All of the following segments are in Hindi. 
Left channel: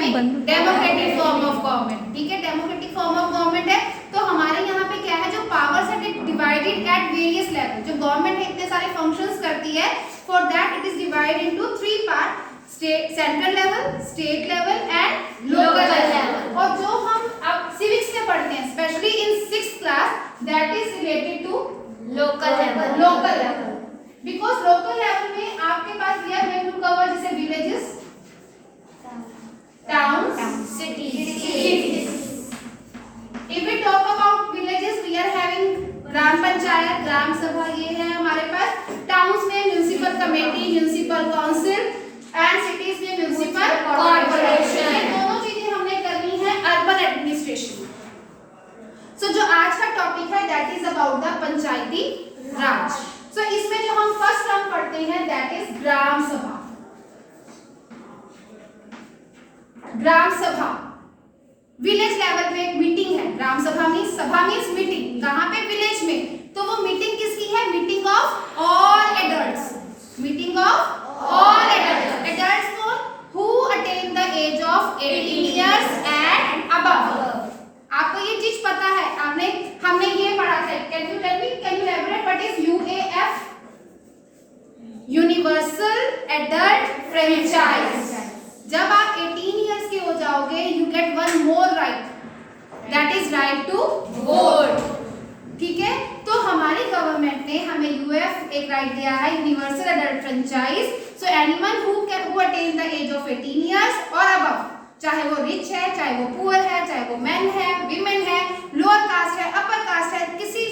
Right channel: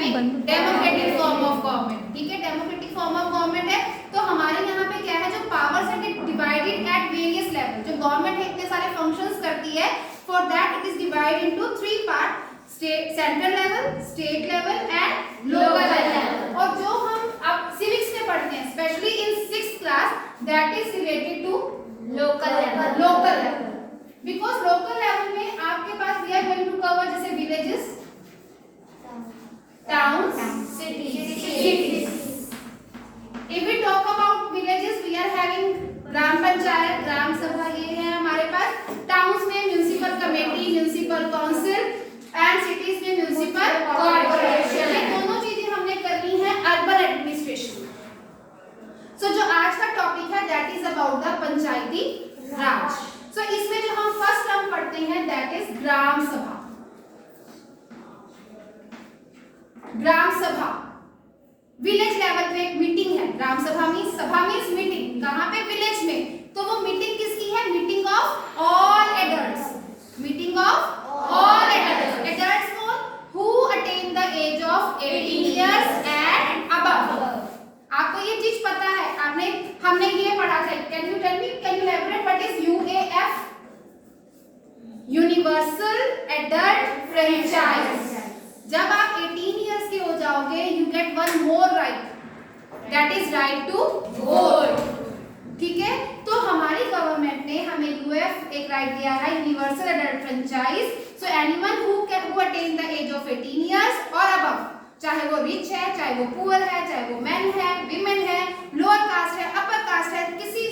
Having democratic form of government. ठीक है, डेमोक्रेटिक फॉर्म ऑफ गवर्नमेंट है तो हमारे यहाँ पे क्या है, जो पावर्स है डिवाइडेड एट वेरियस लेवल। जो गवर्नमेंट है इतने सारे फंक्शंस करती है, for that it is divided into 3 part, state central level, state level and local level. और जो हम अब सिविक्स में पढ़ते हैं specially in 6th class, that is related to local level. Because local level में आपके पास we are going to cover जैसे villages, towns, cities. If we talk about villages, we are having ग्राम पंचायत, ग्राम सभा, ये है हमारे पास। टाउन्स में municipal committee, municipal council and cities में म्युनिसिपल कॉर्पोरेशन। ये दोनों चीजें हमने करनी है अर्बन एडमिनिस्ट्रेशन। सो जो आज का टॉपिक है दैट इज अबाउट द पंचायती राज। सो इसमें जो हम फर्स्ट टर्म पढ़ते हैं that is gram sabha. Gram सभा विलेज लेवल पे एक मीटिंग है। ग्राम सभा मीन्स, सभा मीन्स मीटिंग, कहां पे, विलेज में। तो वो मीटिंग किसकी है, meeting of all adults. Meeting of all adults. Adults कौन, who attain the age of 18 years and above. आपको ये चीज पता है, हमने ये पढ़ा था। Can you tell me, can you elaborate what is UAF? Universal adult franchise. जब आप 18 इयर्स के हो जाओगे you get one more right, that is right to vote. ठीक है, तो हमारी गवर्नमेंट ने हमें यूएफ एक राइट दिया है, universal adult franchise. So anyone who attain the age of 18 years और अबव, चाहे वो रिच है, चाहे वो पुअर है, चाहे वो मैन है, विमेन है, लोअर कास्ट है, अपर कास्ट है, किसी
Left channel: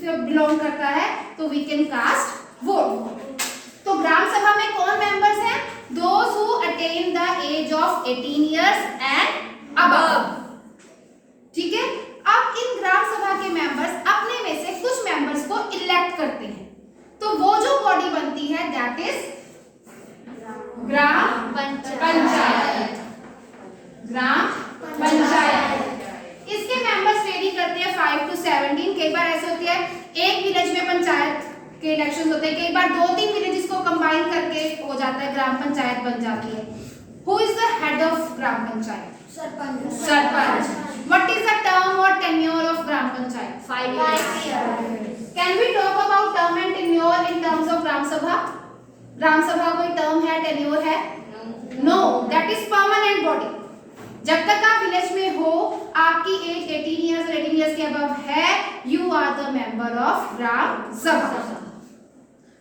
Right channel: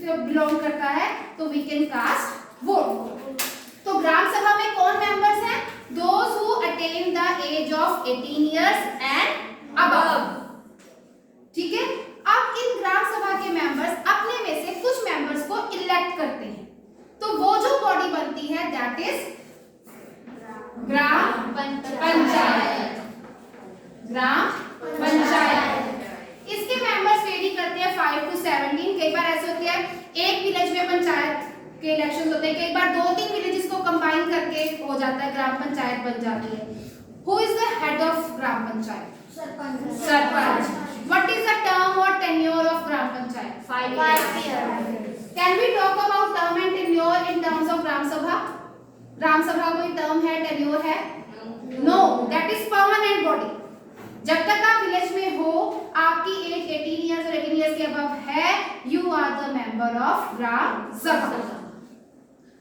से बिलोंग करता है, तो वी कैन कास्ट वोट। तो ग्राम सभा में कौन मेंबर्स हैं? Those who attain the age of 18 years and above. ठीक है, अब इन ग्राम सभा के मेंबर्स अपने में से कुछ मेंबर्स को इलेक्ट करते हैं। तो वो जो बॉडी बनती है that is gram panchayat. Gram panchayat. इसके मेंबर्स वेरी करते हैं 5 to 17। कई बार ऐसे होती है एक विलेज में पंचायत के इलेक्शन होते हैं, कई बार 2-3 विलेजेस को कंबाइन करके हो जाता है, ग्राम पंचायत बन जाती है। Who is the head of gram panchayat? Sarpanch. What is the term और tenure of gram panchayat? 5 years. Can we talk about term and tenure in terms of gram sabha? Gram sabha कोई टर्म है, टेन्योर है? No, that is permanent body. जब तक आप विलेज में हो, आपकी एज 18 इयर्स और 18 इयर्स के अबव है, you are the member of gram sabha.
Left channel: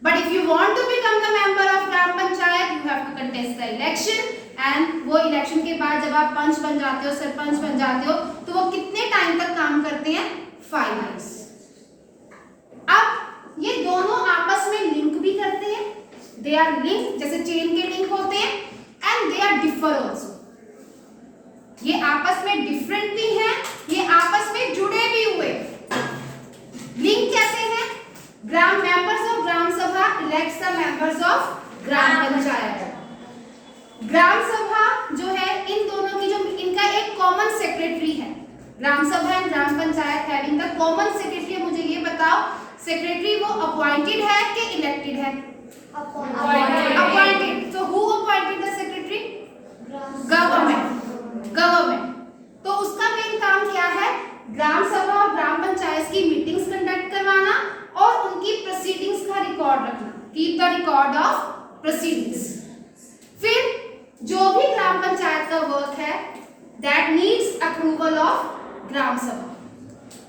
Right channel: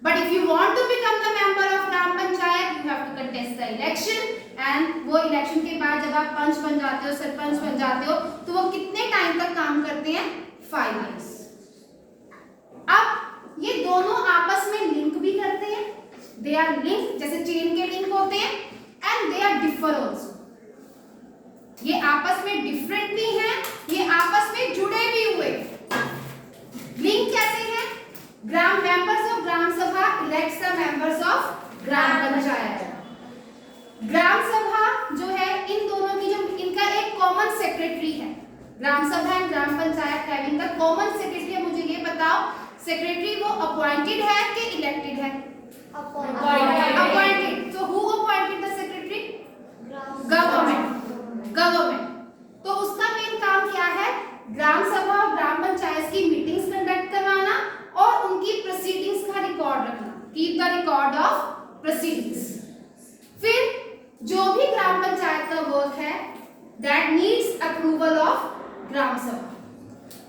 But if you want to become the member of gram panchayat, you have to contest the election, and वो इलेक्शन के बाद जब आप पंच बन जाते हो, सरपंच बन जाते हो, तो वो कितने टाइम तक काम करते हैं? 5 years। अब ये दोनों आपस में लिंक भी करते हैं, they are linked, जैसे चेन के लिंक होते हैं, and they are differ also। ये आपस में डिफरेंट भी हैं, ये आपस में जुड़े भी हुए। लिंक कैसे है? ग्राम मेंबर्स ऑफ ग्राम सभा elects the members of gram panchayat. ग्राम सभा जो है इन दोनों की, जो इनका एक कॉमन सेक्रेटरी है। ग्राम सभा and gram panchayat having the common secretary. मुझे ये बताओ, सेक्रेटरी वो अपॉइंटेड है कि इलेक्टेड है? Appointed. So who appointed the secretary? Government. तो उसका मेन काम क्या है? ग्राम सभा और ग्राम पंचायत की मीटिंग्स कंडक्ट करवाना और उनकी प्रोसीडिंग्स का रिकॉर्ड रखना, keep the record of proceedings. फिर जो भी ग्राम पंचायत का वर्क है that needs approval of gram sabha.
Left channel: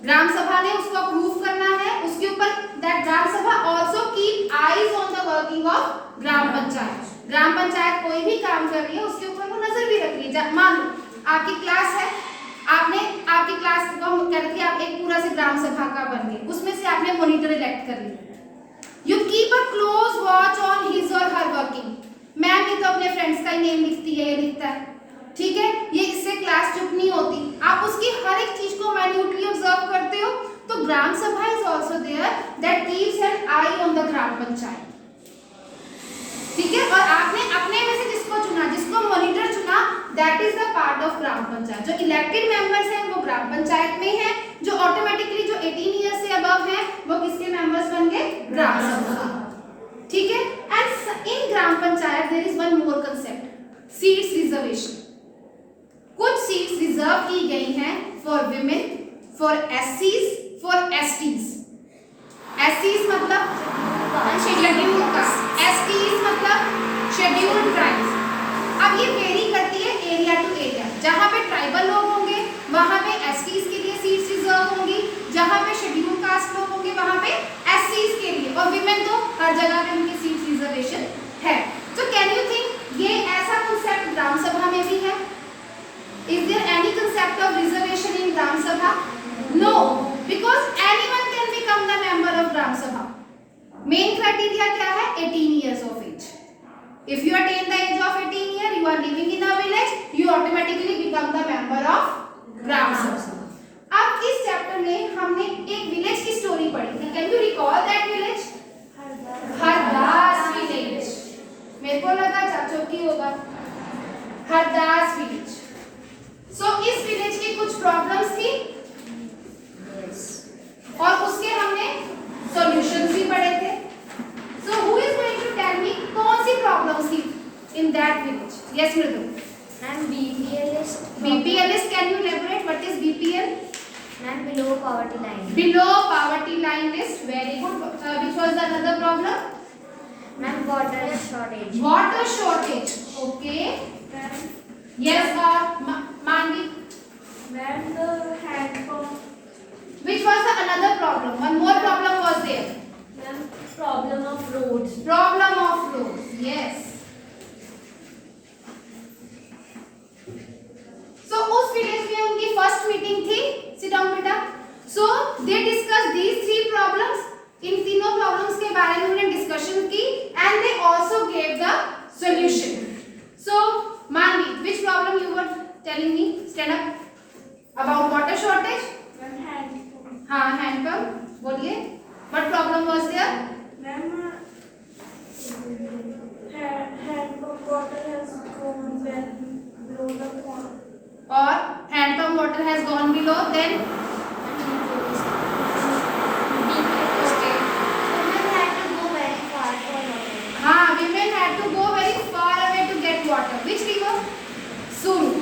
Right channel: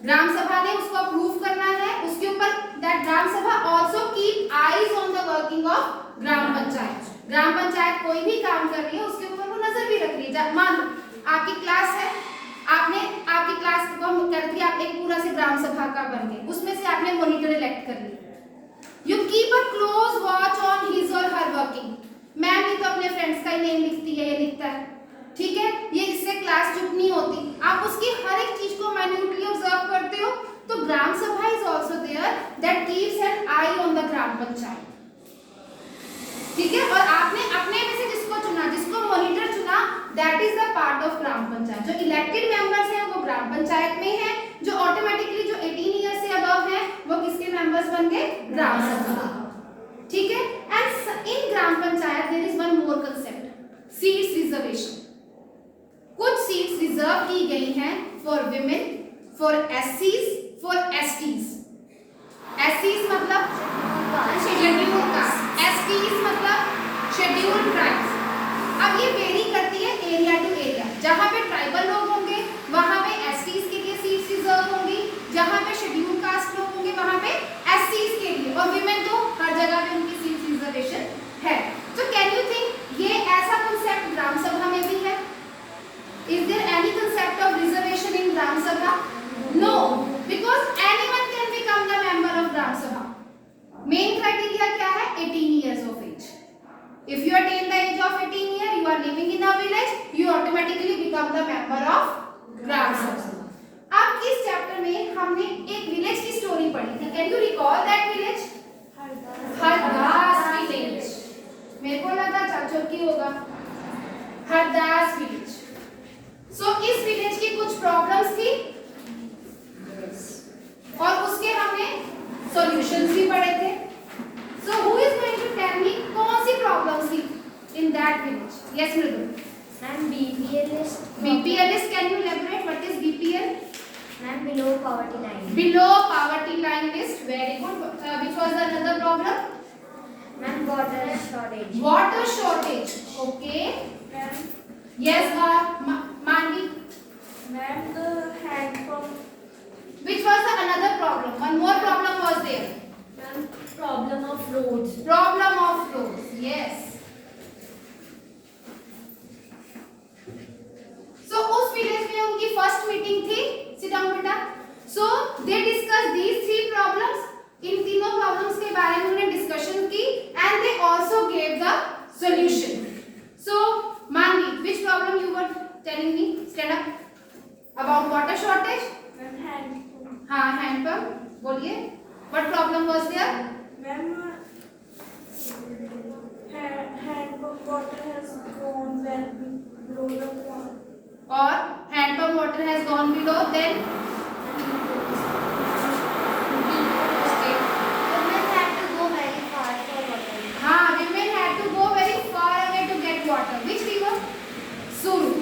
Gram सभा ने उसको अप्रूव करना है, उसके ऊपर that gram sabha also keep eyes on the working of gram panchayat. Gram panchayat कोई भी काम कर रही है उसके ऊपर वो नजर भी रख रही है। मान लो आपकी क्लास है, आपकी क्लास को हम कहते हैं आप एक पूरा से ग्राम सभा का बन गए, उसमें से आपने मॉनिटर इलेक्ट कर लिया। You keep a close watch on his और हर वर्किंग। मैम भी तो अपने फ्रेंड्स का ही नेम लिखती है, ये लिखता है, ठीक है, ये इससे क्लास चुप नहीं होती। आप उसकी हर एक चीज को माइन्यूटली ऑब्जर्व करते हो। तो gram sabha is also there that keeps an eye on the gram panchayat. ठीक है, और आपने अपने में से जिसको चुना, जिसको मॉनिटर चुना, that is the part of gram panchayat. जो इलेक्टेड मेंबर्स हैं वो ग्राम पंचायत में हैं, जो ऑटोमेटिकली जो 18 इयर्स से अबव हैं वो किसके मेंबर्स बन गए? ग्राम सभा। ठीक है, and in gram panchayat there is one more concept, seats reservation. Reserve की गई हैं for women, for एससीज, for STs. एससीज मतलब शेड्यूल्ड कास्ट, एसटीज मतलब शेड्यूल्ड ट्राइब्स। अब ये वेरी करती है एरिया टू एरिया। जहाँ पे ट्राइबल लोग होंगे वहाँ पे एसटीज के लिए सीट्स रिजर्व होंगी, जहाँ पे शेड्यूल्ड कास्ट लोग होंगे वहाँ पे एससीज के लिए, और विमेन तो हर जगह पे उनकी सीट्स रिजर्वेशन है। सो कैन यू थिंक ये ऐसा कंसेप्ट ग्राम सभा में भी है? Is there any concept of reservation in gram sabha? No, because anyone can become the member of gram sabha. Main criteria क्या है? 18 years of age. If you attain the age of 18 years, you are living in a village, you automatically become the member of Gram Sabha. अब इस चैप्टर में हमने एक विलेज की स्टोरी पढ़ी थी। Can you recall that village? Hardas village. मेरे को लगा चाचोकी होगा। हरदास विलेज। सो इस विलेज की कुछ प्रॉब्लम्स थी और उसके हमने सॉल्यूशंस भी पढ़े थे। So who is going to tell me कौन सी प्रॉब्लम्स थी in that village? Yes, Mridul. Ma'am, BPL is BPL is, can you elaborate what is BPL? Ma'am, below poverty line. Below poverty line list. Very good. Which was another problem? Ma'am, water shortage. Water shortage. Okay. Ma'am, Yes, or Manvi. ma'am, the hand pump. Which was the another problem? One more problem was there. Ma'am, problem of roads. Problem of roads. Yes. So उस विलेज में उनकी फर्स्ट मीटिंग थी। Sit down बेटा। So they discussed these three problems. इन तीनों प्रॉब्लम्स के बारे में उन्होंने डिस्कशन की and they also gave the solution. So Manvi, which problem you were telling me? Stand up. About water shortage? Ma'am, hand pump. हाँ, hand pump. बोलिए। What problem was there? Ma'am, hand pump water has gone well below the pond. Or hand pump water has gone below, then okay. Women had to go very far for water. हाँ, women had to go very far away to get water. Which river? Suru.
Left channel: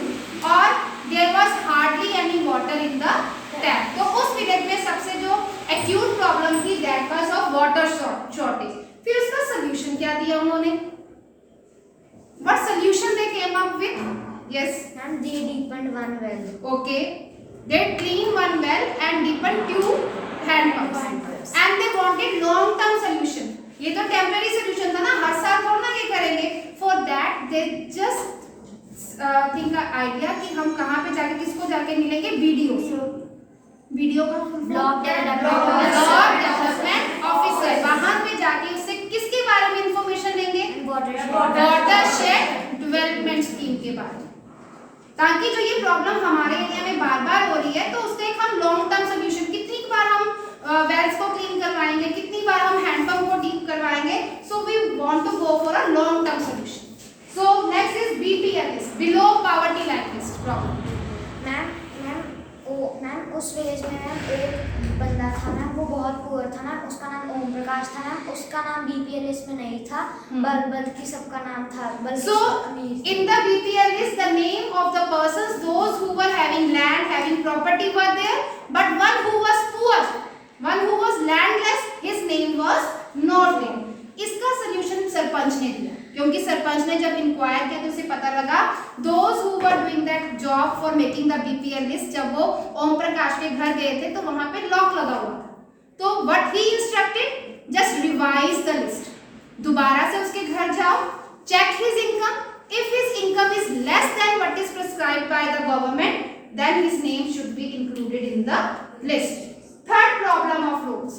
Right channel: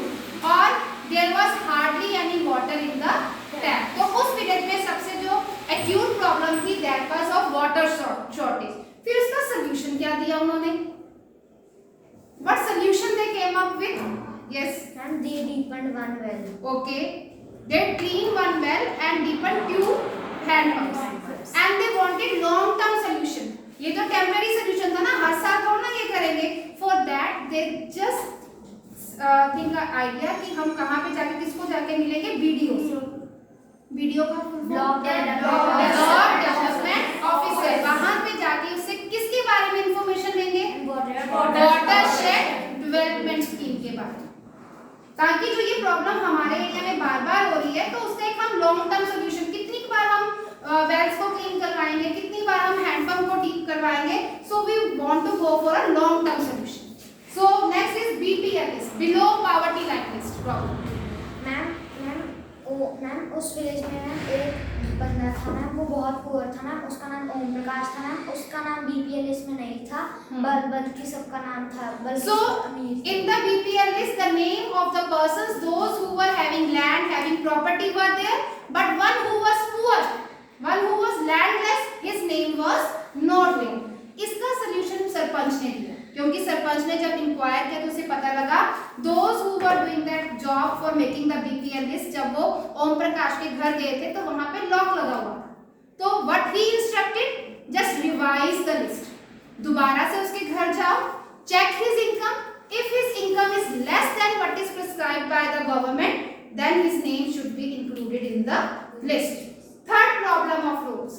Or there was hardly any water in the tap. तो उस विलेज में सबसे जो acute problem थी that was of water shortage. फिर उसका solution क्या दिया उन्होंने? What solution they came up with? Yes. Ma'am, they deepened one well. Okay. They cleaned one well and deepened two hand pumps. And they wanted long term solution. ये तो temporary solution था ना, हर साल थोड़ा ना ये करेंगे. For that they just think an idea कि हम कहाँ पे जाके किसको जाके मिलेंगे? BDO से. BDO का Block डेवलपमेंट ऑफिसर। वहाँ पे जाके उससे किसके बारे में इंफॉर्मेशन लेंगे? वाटरशेड डेवलपमेंट स्कीम के बारे में, ताकि जो ये प्रॉब्लम हमारे एरिया में बार बार हो रही है तो उससे एक हम लॉन्ग टर्म सोल्यूशन, कितनी बार हम वेल्स को क्लीन करवाएंगे, कितनी बार हम हैंडपंप को डीप करवाएंगे। So we want to go for a long term solution. So next is BPL list, below poverty line list problem. Ma'am उस विलेज में मैम एक बंदा था मैम, वो बहुत पुअर था मैम, उसका नाम ओम प्रकाश था मैम, उसका नाम बीपीएल लिस्ट में नहीं था, बल्कि सबका नाम था। So in the BPL list the name of the persons, those who were having land, having property were there, but one who was poor, one who was landless, his name was not there. इसका सॉल्यूशन सरपंच ने दिया, क्योंकि सरपंच ने जब इंक्वायर किया तो उसे पता लगा those who were doing that job for making the BPL list, जब वो ओम प्रकाश के घर गए थे तो वहां पे लॉक लगा हुआ था। तो what he instructed, just revise the list, दोबारा से उसके घर जाओ, check his income, if his income is less then what is prescribed by the government, then his name should be included in the list. Third problem of roads,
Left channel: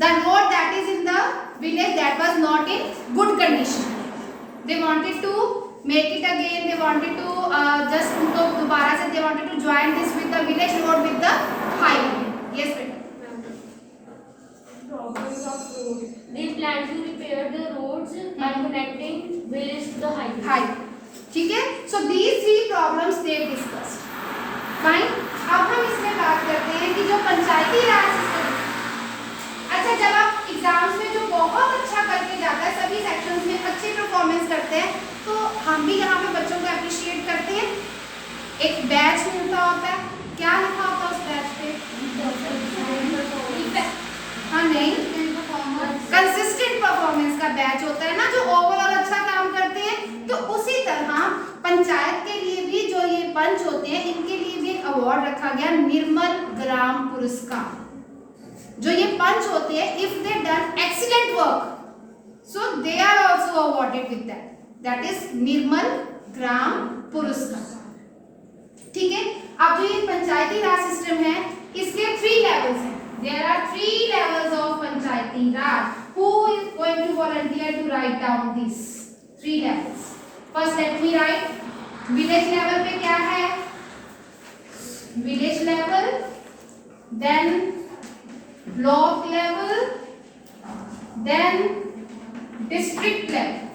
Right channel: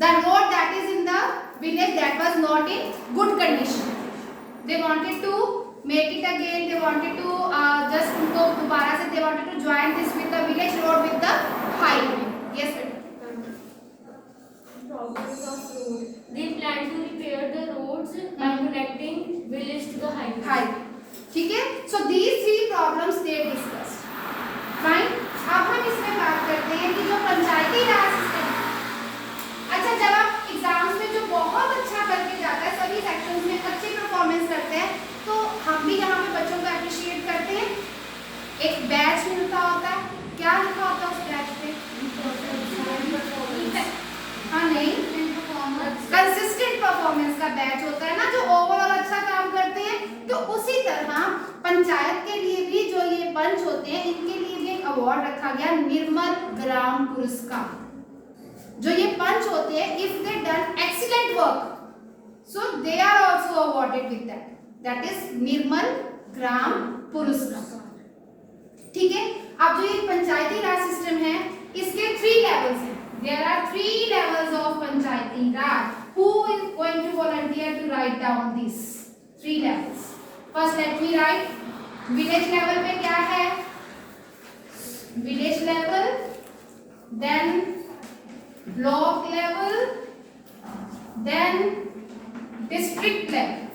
the road that is in the village that was not in good condition, they wanted to make it again, they wanted to just उनको दोबारा से they wanted to join this with the village road with the highway. Yes बेटा। Problems of road, they plan to repair the roads by connecting village to the highway. ठीक है, so these three problems they discussed. Fine. अब हम इसमें बात करते हैं कि जो पंचायती राज सिस्टम, अच्छा जब आप एग्जाम्स में जो बहुत अच्छा करके जाता है, सभी सेक्शंस में अच्छी परफॉर्मेंस करते हैं, तो हम भी यहाँ पे बच्चों को अप्रिशिएट करते हैं, एक बैच मिलता होता है, क्या लिखा होता है उस बैच पे? हाँ नहीं, कंसिस्टेंट परफॉर्मेंस का बैच होता है ना, जो ओवरऑल अच्छा काम करते हैं। तो उसी तरह पंचायत के लिए भी जो ये पंच होते हैं, इनके लिए भी एक अवार्ड रखा गया, निर्मल ग्राम पुरस्कार। जो ये पंच होते हैं, if they done excellent work, so they are also awarded with that is Nirmal Gram Puraskar. ठीक है, अब जो ये पंचायती राज सिस्टम है, इसके 3 लेवल्स हैं। There are 3 levels of panchayati raj. Who is going to volunteer to write down these 3 levels? First, let me write. Village level पे क्या है? Village level, then block level, then district level.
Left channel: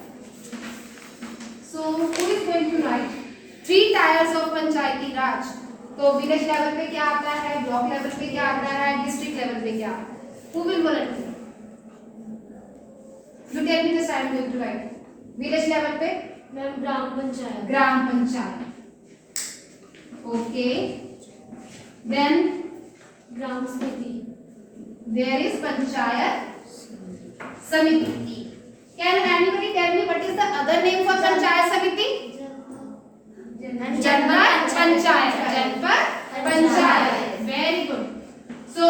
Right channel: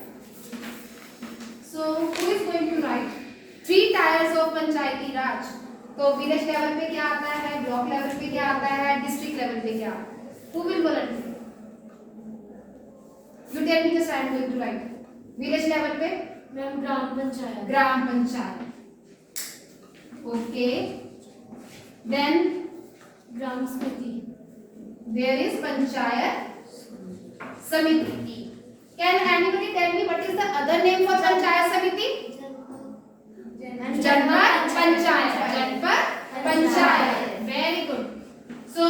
So, who is going to write 3 tiers of panchayati raj? तो विलेज लेवल पे क्या आता है, ब्लॉक लेवल पे क्या आता है, डिस्ट्रिक्ट लेवल पे क्या आता है? Who will volunteer? You tell me the I am going to write. Village level पे मैम ग्राम पंचायत। ग्राम पंचायत, ओके। देन ग्राम समिति। there is पंचायत समिति. Can anybody tell me what is the other name for panchayat समिति? Janpad panchayat, Janpad panchayat, very good. So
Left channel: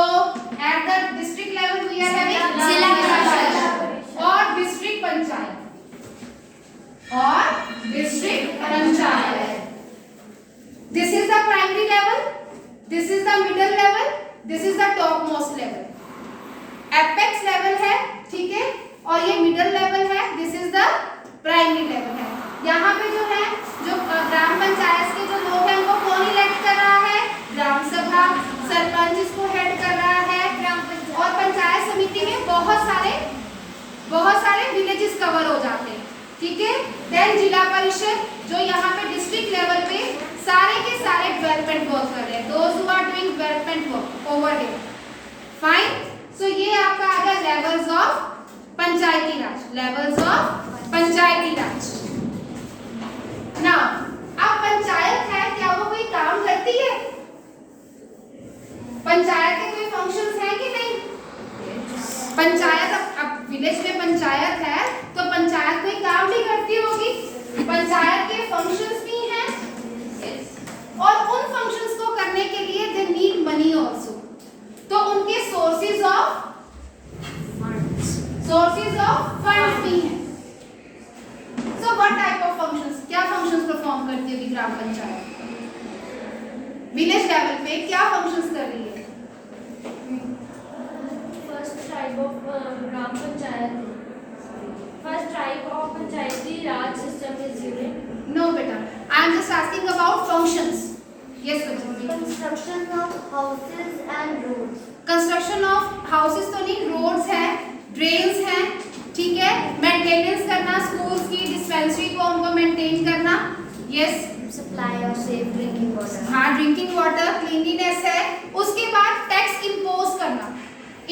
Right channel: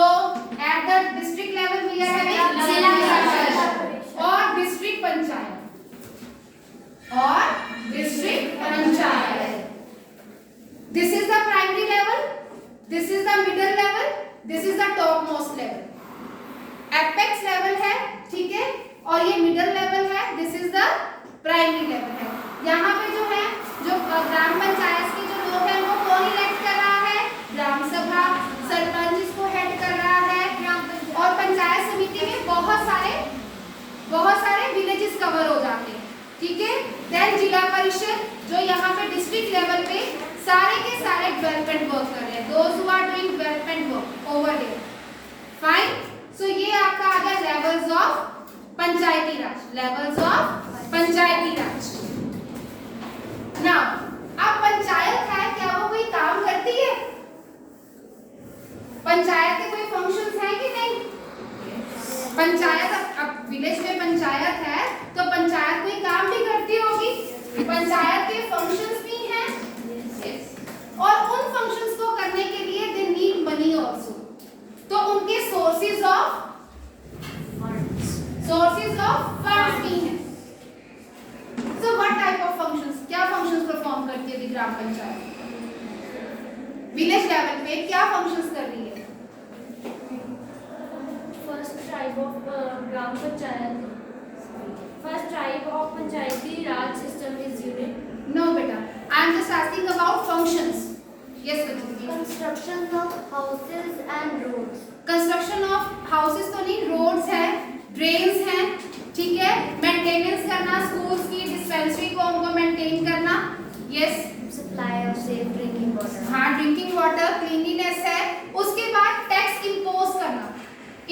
at the district level we are having Zila Parishad और डिस्ट्रिक्ट पंचायत और district panchayat. This is the primary level, this is the middle level, this is the top most level. Apex level है, ठीक है, और ये मिडिल लेवल है, this is the primary level है. यहाँ पे जो है, जो ग्राम पंचायत के जो लोग हैं, उनको कौन इलेक्ट कर रहा है? ग्राम सभा, सरपंच इसको हेड कर रहा है. और पंचायत समिति में बहुत सारे विलेजेस कवर हो जाते हैं, ठीक है. देन जिला परिषद, जो यहाँ पे डिस्ट्रिक्ट लेवल पे सारे के सारे डेवलपमेंट वर्क कर रहे हैं, those who are doing development work over here. Fine. So ये आपका आ गया levels of Panchayati Raj, levels of Panchayati Raj. Now अब पंचायत है, क्या वो कोई काम करती है? पंचायत के कोई फंक्शंस हैं कि नहीं? पंचायत, अब विलेज में पंचायत है तो पंचायत कोई काम भी करती होगी. पंचायत के फंक्शंस भी हैं, और उन फंक्शंस को करने के लिए दे नीड मनी आल्सो. तो उनके सोर्सेज ऑफ फंड्स भी हैं. So what type of functions? क्या functions perform करती है ग्राम पंचायत? विलेज लेवल पे क्या functions कर रही है? First type of gram panchayat, first type of Panchayati Raj system is unit. No बेटा, I am just asking about functions. Yes बेटा. Construction of houses and roads. Construction of houses तो नहीं, roads है, drains है, ठीक है. मेंटेनेंस करना स्कूल्स की, डिस्पेंसरी को उनको मेंटेन करना. Yes. Supply of safe drinking water. हाँ, ड्रिंकिंग वाटर, क्लीनलीनेस है. उसके बाद टैक्स इम्पोज करना,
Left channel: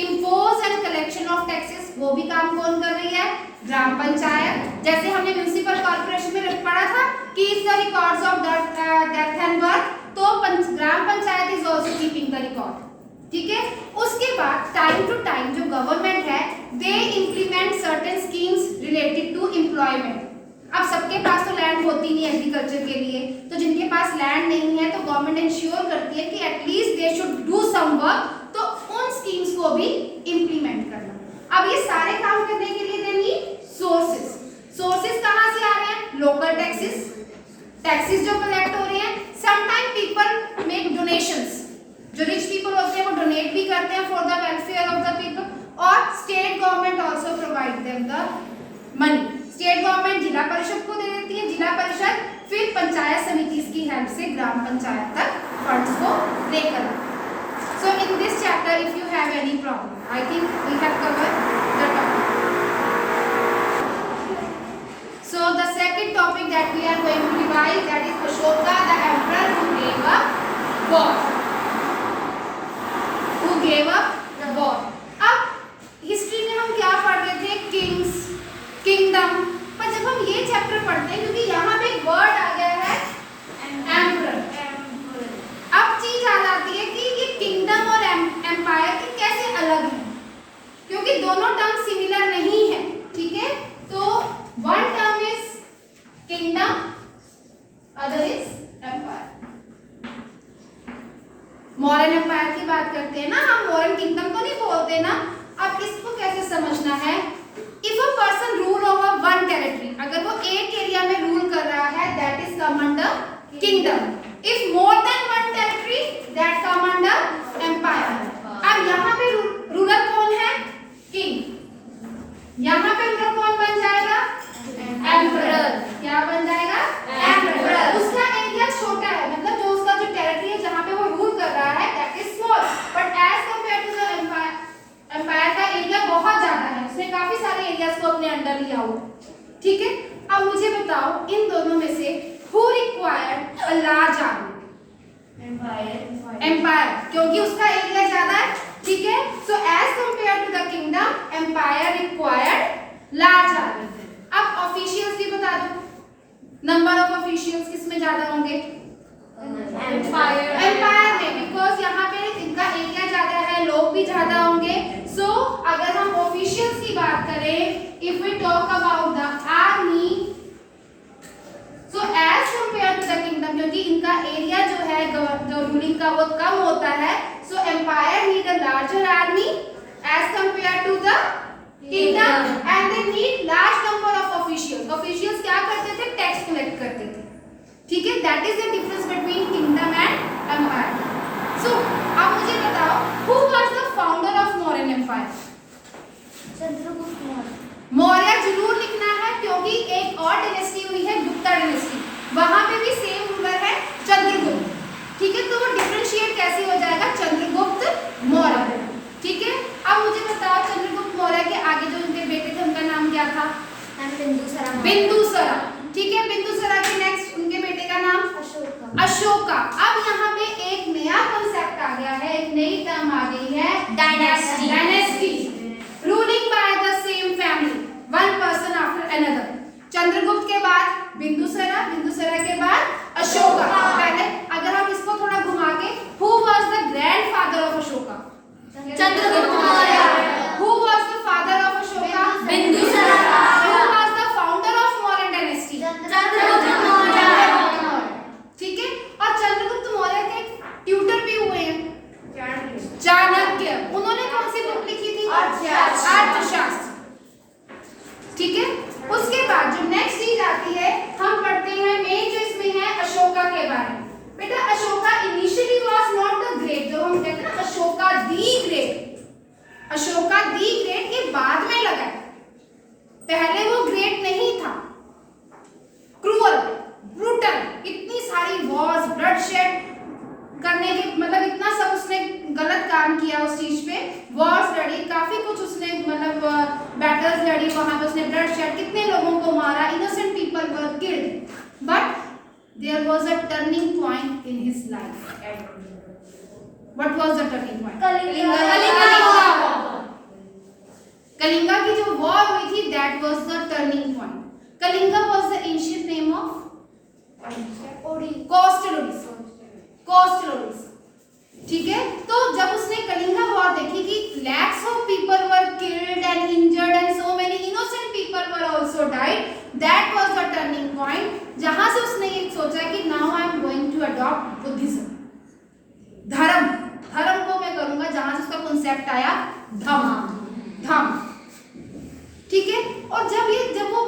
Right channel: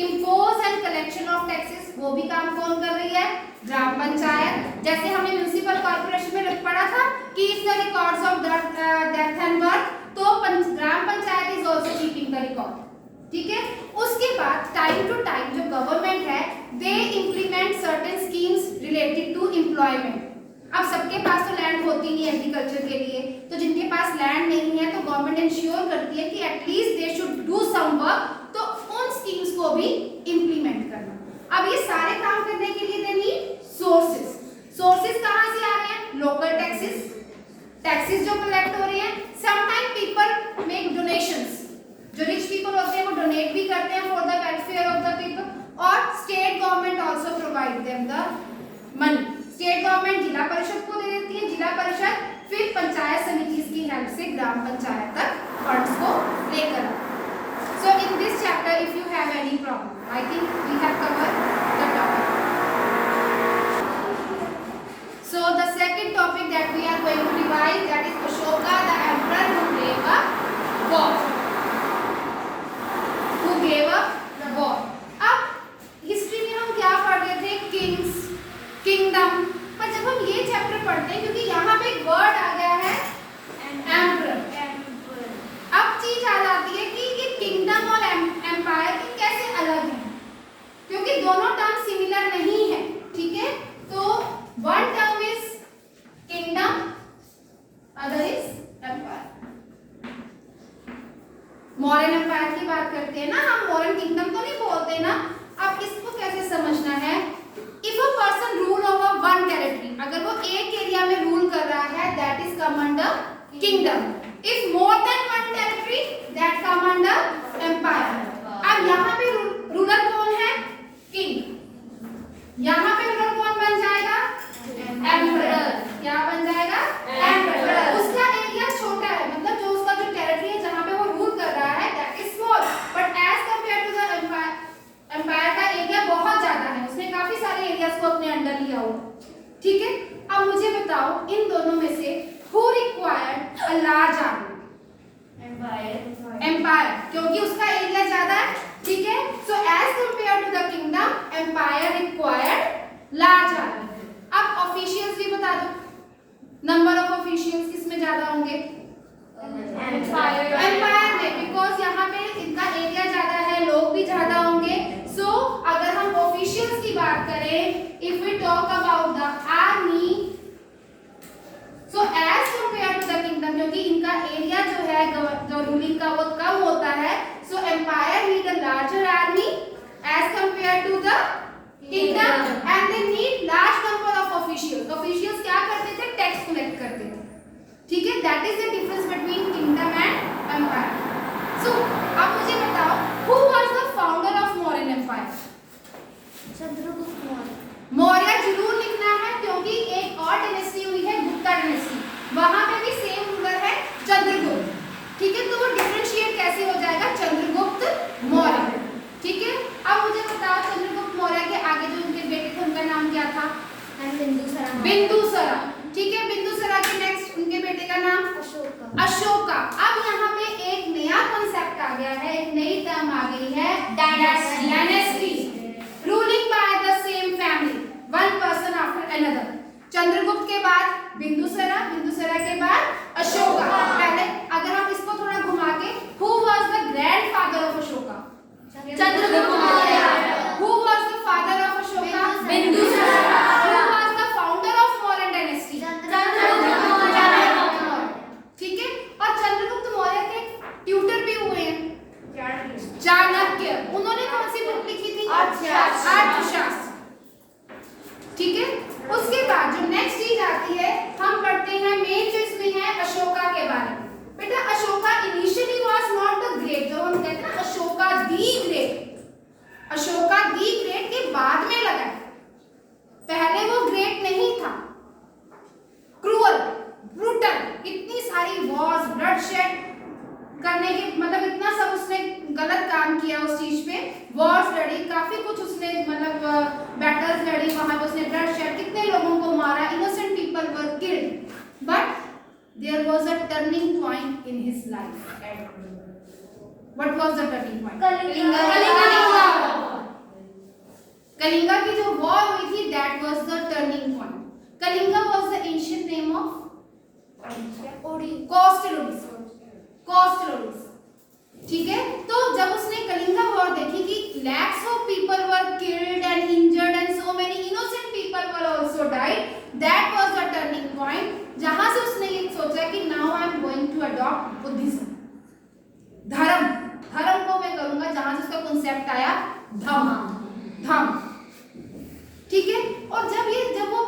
impose and collection of taxes, वो भी काम कौन कर रही है? ग्राम पंचायत. जैसे हमने म्युनिसिपल कॉर्पोरेशन में पढ़ा था कि if the records of death and birth, तो gram panchayat is also keeping the record, ठीक है. उसके बाद टाइम टू टाइम जो गवर्नमेंट है, they implement certain schemes related to employment. अब सबके पास तो लैंड होती नहीं एग्रीकल्चर के लिए, तो जिनके पास लैंड नहीं है, तो गवर्नमेंट इंश्योर करती है कि at least they should do some work, तो उन स्कीम्स को भी इंप्लीमेंट करना. अब ये सारे काम करने के लिए दे नीड सोर्सेज. सोर्सेज कहाँ से आ रहे हैं? लोकल टैक्सेस, टैक्सेस जो कलेक्ट हो रहे हैं. समटाइम पीपल मेक डोनेशंस, जो रिच पीपल होते हैं वो डोनेट भी करते हैं for the welfare of the people. और state government also provide them the money. State government zila parishad को दे देती है, जिला परिषद फिर पंचायत समिति की हेल्प से ग्राम पंचायत तक फंड्स को लेकर आती है. So in this chapter if you have any problem, I think we have covered the topic. So the second topic that we are going to revise, that is Ashoka, the emperor who gave up war. Who gave up war. अब हिस्ट्री में हम क्या पढ़ रहे थे? Kings, kingdom. पर जब हम ये चैप्टर पढ़ते हैं, क्योंकि यहाँ पे एक वर्ड आ गया है एम्परर, दोनों टर्म सिमिलर नहीं है, ठीक है। तो one term is kingdom, other is empire. Modern empire की बात करते हैं ना हम, मॉडर्न किंगडम तो नहीं बोलते ना। अब इसको कैसे समझना है? If a person rule over one territory, अगर वो एक एरिया में रूल कर रहा है, that is come under kingdom. If more than one territory, that come under empire. अब यहाँ पे रूलर कौन है? किंग। यहाँ पे रूलर कौन बन जाएगा? एम्परर। क्या बन जाएगा? एम्परर। उसका एरिया छोटा है, मतलब जो उसका जो टेरिटरी है जहाँ पे वो रूल कर रहा है, that is small, but as compare to the empire का एरिया बहुत ज्यादा है, उसने काफी सारे एरियाज को अपने अंडर लिया हुआ, ठीक है। अब मुझे बताओ इन दोनों में से who required a large army? Empire, क्योंकि उसका एरिया ज्यादा है, ठीक है। So as compare to the kingdom, empire required large army. अब ऑफिशियल्स भी बता दो, नंबर ऑफ ऑफिशियल्स किसमें ज्यादा होंगे? एम्पायर में, बिकॉज यहाँ पे इनका एरिया ज्यादा है, लोग भी ज्यादा होंगे। सो अगर हम ऑफिशियल्स की बात करें, if we talk about the army, so as compare to the kingdom, क्योंकि इनका एरिया जो है जो रूलिंग का वो कम होता है, so empire need a larger army as compare to the kingdom, and they need large number of officials. Officials क्या करते थे? टैक्स कलेक्ट करते थे, ठीक है। That is the difference between kingdom and empire. So अब मुझे बताओ, who was the founder of Mauryan empire? Chandragupta Maurya. Maurya जरूर लिखना है, क्योंकि एक और डायनेस्टी हुई है गुप्ता डायनेस्टी, वहां पे भी सेम रूलर है चंद्रगुप्त, ठीक है। तो वो डिफरेंशिएट कैसे हो जाएगा? चंद्रगुप्त मौर्य, ठीक है। अब मुझे बताओ, चंद्रगुप्त मौर्य के आगे जो उनके बेटे थे उनका नाम क्या था? बिंदुसरा, ठीक है। बिंदुसरा के नेक्स्ट उनके बेटे का नाम? अशोका। अब यहाँ पे एक नया कॉन्सेप्ट आ गया है, एक नई टर्म आ गई है, dynasty, ruling by the same family, one person after another. Chandragupta के बाद बिंदुसरा, बिंदुसरा के बाद अशोका। पहले अगर हम इसको थोड़ा घुमा के, who was the grandfather of Ashoka? Chandragupta Maurya. Who was the father of Ashoka? Bindusara. Who was the founder of Mauryan dynasty? Chandragupta Maurya, ठीक है। और चंद्रगुप्त मौर्य के ट्यूटर भी हुए हैं चाणक्य। उन्होंने कौन सी बुक लिखी थी? अर्थशास्त्र, ठीक है। उसके बाद जो नेक्स्ट चीज आती है, हम पढ़ते हैं मेन जो इसमें है अशोका के बारे में। बेटा Ashoka initially was not the great, जो हम कहते हैं ना Ashoka the great, Ashoka the great के बाद में लगा, पहले वो ग्रेट नहीं था। क्रूअल, ब्रूटल, इतनी सारी वॉर्स, ब्लडशेड करने के, मतलब इतना सब उसने गलत काम किया उस चीज पे, वॉर्स लड़ी, काफी कुछ उसने मतलब बैटल्स लड़ी, वहां पे उसने ब्लड शेड, कितने लोगों को मारा, innocent people were killed, but there was a turning point in his life. What was the turning point? Kalinga की जो वॉर हुई थी, that was the turning point. Kalinga was the ancient name of coastal Odisha, ठीक है। तो जब उसने कलिंगा वॉर देखी कि lakhs of people were killed and injured and so many innocent people were also died, that was the turning point, जहां से उसने ये सोचा कि now I am going to adopt Buddhism, धर्म को मैं करूंगा, जहां से उसका कॉन्सेप्ट आया धम्म, ठीक है। और जब वो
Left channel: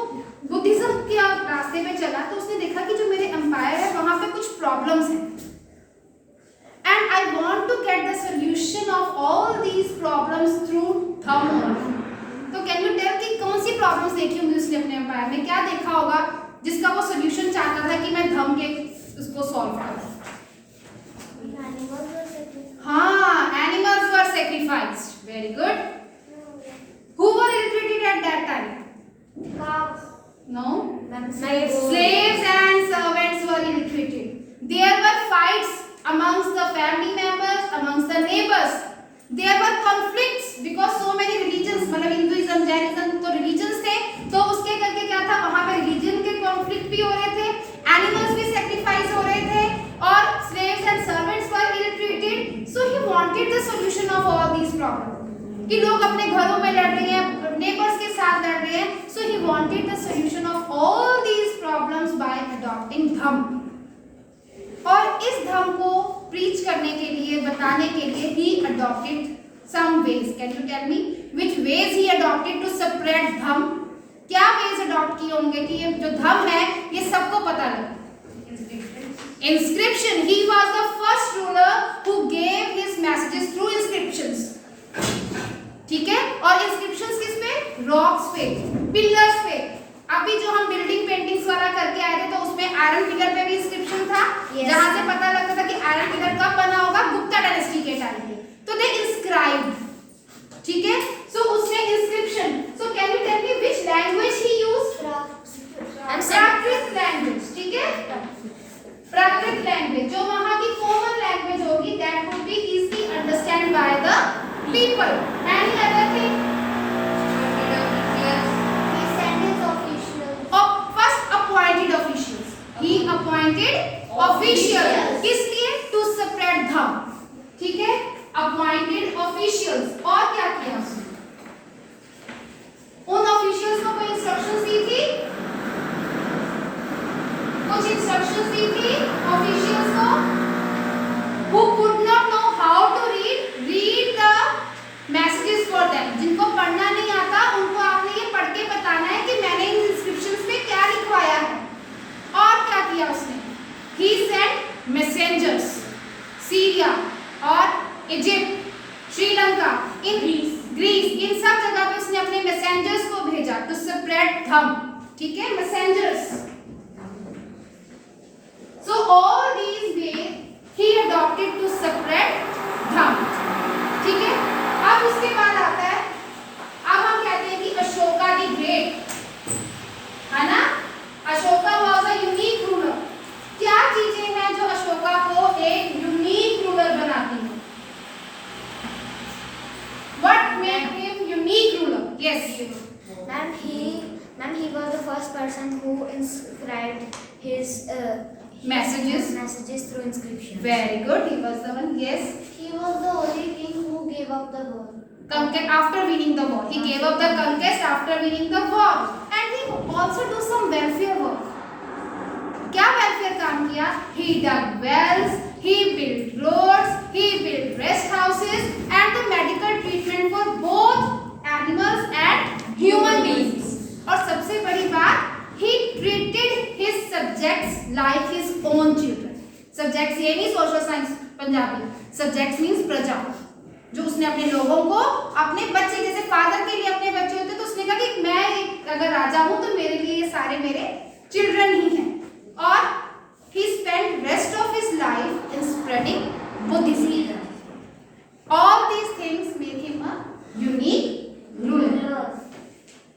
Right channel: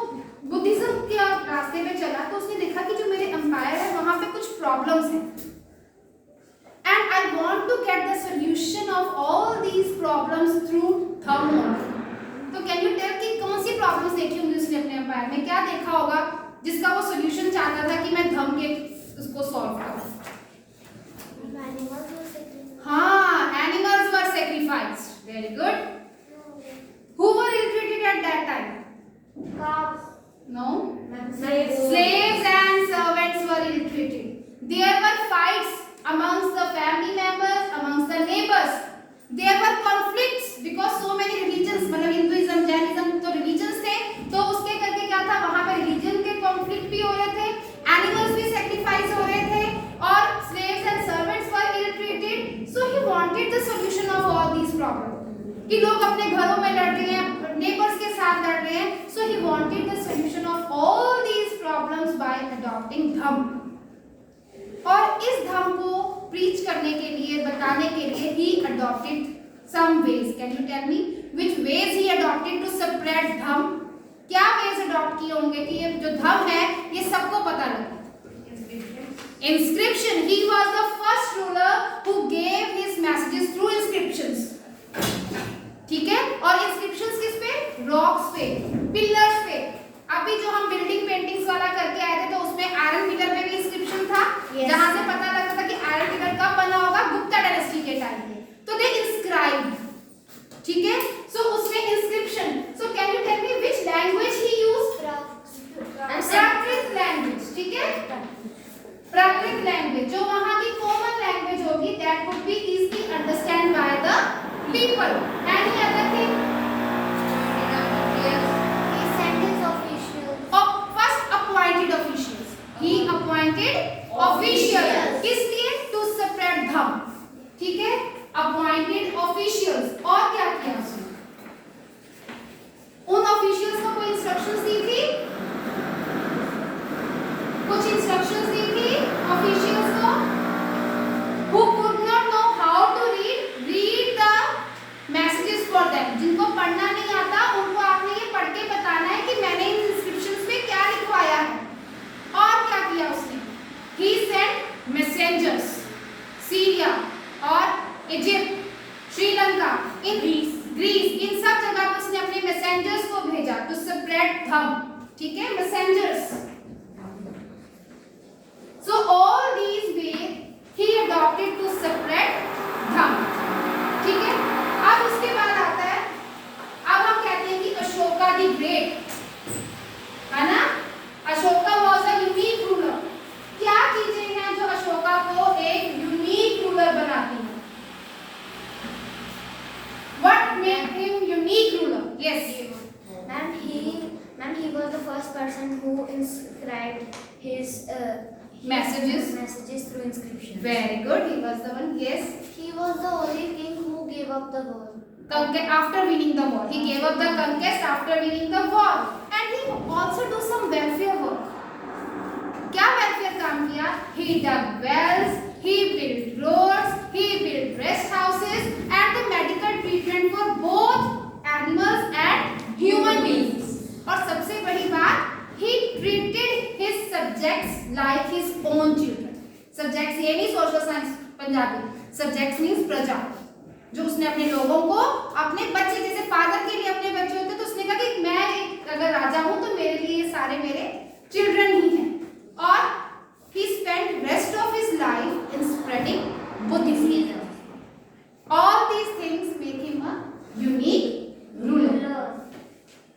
बुद्धिज्म के रास्ते पे चला, तो उसने देखा कि जो मेरे एम्पायर है वहां पे कुछ प्रॉब्लम्स हैं, and I want to get the solution of all these problems through thumb only. तो कैन यू टेल कि कौन सी प्रॉब्लम्स देखी होंगी उसने अपने एम्पायर में, क्या देखा होगा जिसका वो सोल्यूशन चाहता था कि मैं धम्म के उसको सॉल्व करूं? हाँ, animals were sacrificed, very good. Who were illiterated at that time? No, slaves and servants were ill-treated. There were fights amongst the family members, amongst the neighbors. There were conflicts because so many religions, मतलब हिंदुइज्म, जैनिज्म तो religions थे, तो उसके करके क्या था, वहाँ पे religion के conflict भी हो रहे थे, animals भी sacrifice हो रहे थे, और slaves and servants were ill-treated. So he wanted the solution of all these problems. कि लोग अपने घरों में लड़ रहे हैं, wanted the solution of all these problems by adopting धम। और इस धम को preach करने के लिए, बताने के लिए he adopted some ways. Can you tell me which ways he adopted to spread धम? क्या ways adopt किए होंगे कि ये जो धम है ये सबको पता लगे? Inscription. He was the first ruler who gave his messages through inscriptions. ठीक है, और inscriptions किस पे? रॉक्स पे, पिलर्स पे। अभी जो हम बिल्डिंग पेंटिंग्स वाला करके आए थे तो उसमें आयरन पिलर पे भी इंस्क्रिप्शन था, जहां से पता लगता था कि आयरन पिलर कब बना होगा, गुप्ता डायनेस्टी के टाइम पे। तो दे इंस्क्राइब्ड, ठीक है, सो उसने inscription. So can you tell me which language he used? Prakrit language, ठीक है, प्राकृत लैंग्वेज जो वहां की कॉमन लैंग्वेज होगी, that would be easily understand by द people. Any other thing? He sent his officials. First appointed officials. He appointed officials. किस लिए? To spread धम, ठीक है, appointed officials। और क्या किया उसने? उन officials को कोई instructions दी थी? कुछ instructions दी थी officials को who could not know how to read the messages for them। जिनको पढ़ना नहीं आता उनको आपने ये पढ़ के बताना है कि मैंने इन इंस्क्रिप्शंस पे क्या लिखवाया है। और क्या किया उसने? He sent messengers, सीरिया और इजिप्ट, श्रीलंका, ग्रीस, इन सब जगह पे उसने अपने मैसेंजर्स को भेजा टू स्प्रेड धम, ठीक है, messengers. So all these ways he adopted to spread धम, ठीक है। अब उसके बाद आता है, अब हम कहते हैं कि अशोका द ग्रेट, है ना, Ashoka was a unique ruler. क्या चीजें हैं जो अशोका को एक यूनिक रूलर बनाती हैं? What made him unique ruler? Yes. Ma'am, he was the first person who inscribed his messages through inscription. Very good. He was the one. Yes. He was the only king who gave up the war. After winning the war, he gave up the conquest after winning the war, and he also do some welfare work. क्या welfare काम किया? He dug wells, he built roads, he built rest houses, and the medical treatment for both animals and human beings. और सबसे बड़ी बात, he treated his subjects like his own children. Subjects ये नहीं social science Punjabi, subjects means प्रजा, जो उसने अपने लोगों को अपने बच्चे, जैसे फादर के लिए अपने बच्चे होते, तो उसने कहा कि मैं एक अगर राजा हूं तो मेरे लिए ये सारे मेरे चिल्ड्रन ही हैं। और he spent rest of his life in spreading Buddhism. All these things make him a unique ruler.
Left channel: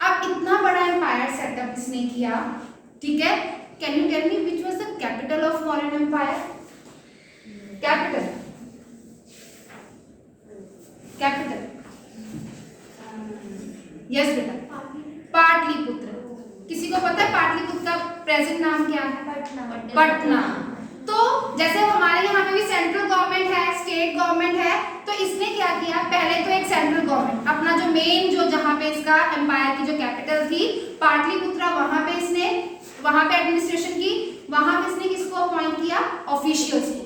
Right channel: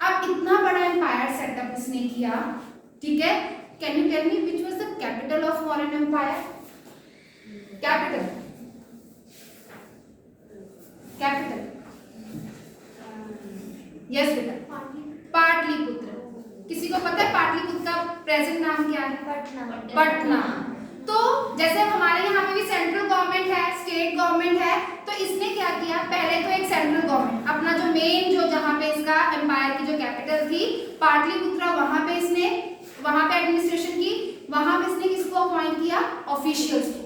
अब इतना बड़ा एम्पायर सेटअप इसने किया, ठीक है, can you tell me which was the capital of Mauryan empire? Capital yes बेटा, पाटलिपुत्र। किसी को पता है पाटलिपुत्र का प्रेजेंट नाम क्या है? पटना। तो जैसे हमारे यहाँ पे भी सेंट्रल गवर्नमेंट है, स्टेट गवर्नमेंट है, तो इसने क्या किया, पहले तो एक सेंट्रल गवर्नमेंट अपना जो मेन जो जहाँ पे इसका एम्पायर की जो कैपिटल थी पाटलिपुत्र, वहां पे इसने वहां पे एडमिनिस्ट्रेशन की। वहां पे इसने किसको अपॉइंट किया? ऑफिशियल्स को।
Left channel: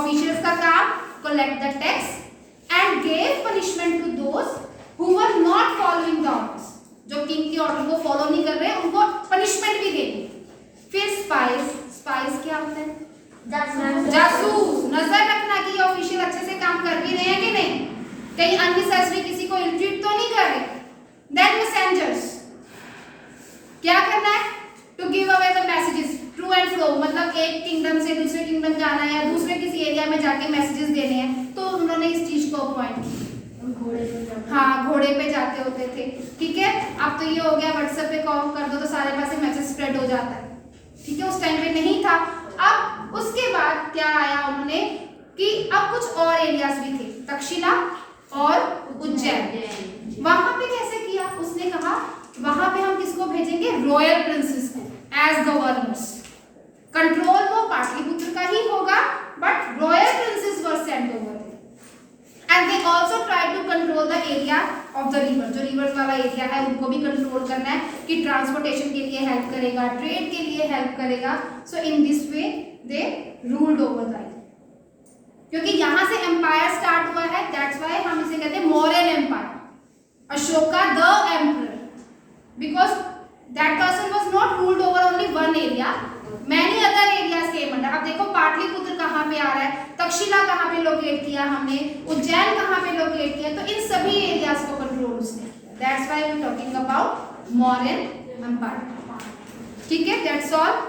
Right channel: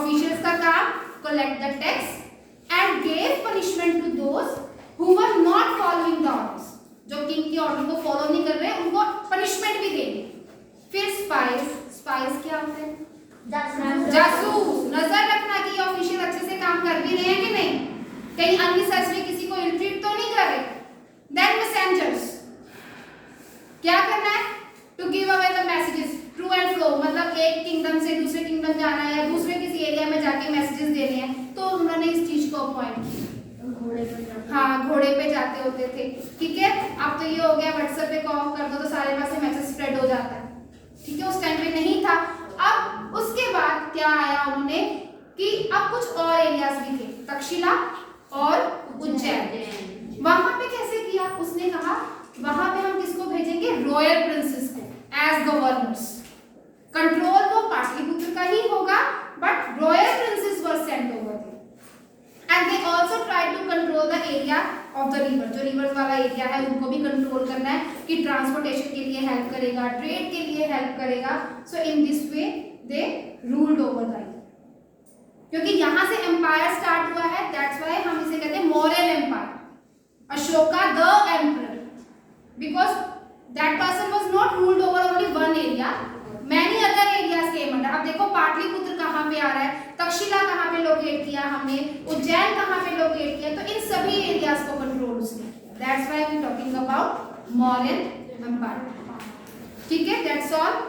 ऑफिशियल्स का काम collect the tax and gave punishment to those who were not following the orders। जो किंग के ऑर्डर को फॉलो नहीं कर रहे उनको पनिशमेंट भी देंगे। फिर स्पाइस क्या होता है? जासूस, नजर रखना कि ऑफिशियल अच्छे से काम कर भी रहे हैं कि नहीं, कहीं अननेसेसरी किसी को इल्ट्रीट तो नहीं कर रहे। देन मैसेंजर्स, क्या करना है? To give away the messages to and fro, मतलब एक किंगडम से दूसरे किंगडम जाना है या दूसरे किसी एरिया में जाके मैसेजेस देने हैं, तो उन्होंने इस चीज को अपॉइंट किया। हाँ, घोड़े पे जाते होते थे, ठीक है। अब तो ये हो गया व्हाट्सएप पे कॉल कर दो तो सारे पास मैसेज स्प्रेड हो जाता है, ठीक है, उस टाइम पे नहीं था। अब उसके बाद क्या आया उन्होंने कि अब कुछ और एरियाज भी थे, तक्षशिला और उज्जैन। वहां पे कैसे किया? उसने कहा वहां पे हम किसको भेजेंगे? रॉयल प्रिंसेस को एज गवर्नर्स। कंट्रोल वो पाटलिपुत्र का ही होगा, but royal princes were sent over there, and they also tried to control control the area of the river, जो रिवर्स वाला एरिया है उनको भी कंट्रोल करना है कि ट्रांसपोर्टेशन के लिए हेल्प करेगा, ट्रेड के लिए हेल्प करेगा. So in this way they ruled over the, क्योंकि यहाँ से एम्पायर स्टार्ट हुआ है, दैट्स व्हाई हम इसे कहते हैं Mauryan empire. Ashoka the emperor, because that person was not ruled over only one area, many other areas came under. अब देखो पाटलिपुत्र कहाँ पे आ रहा है, तक्षशिला कहाँ पे लोकेट किया हमने, उज्जैन कहाँ पे लोकेट किया, तो इन सभी एरियाज को कंट्रोल उसने किया. That's why we talking about Mauryan empire. ठीक है, दैट्स ऑल.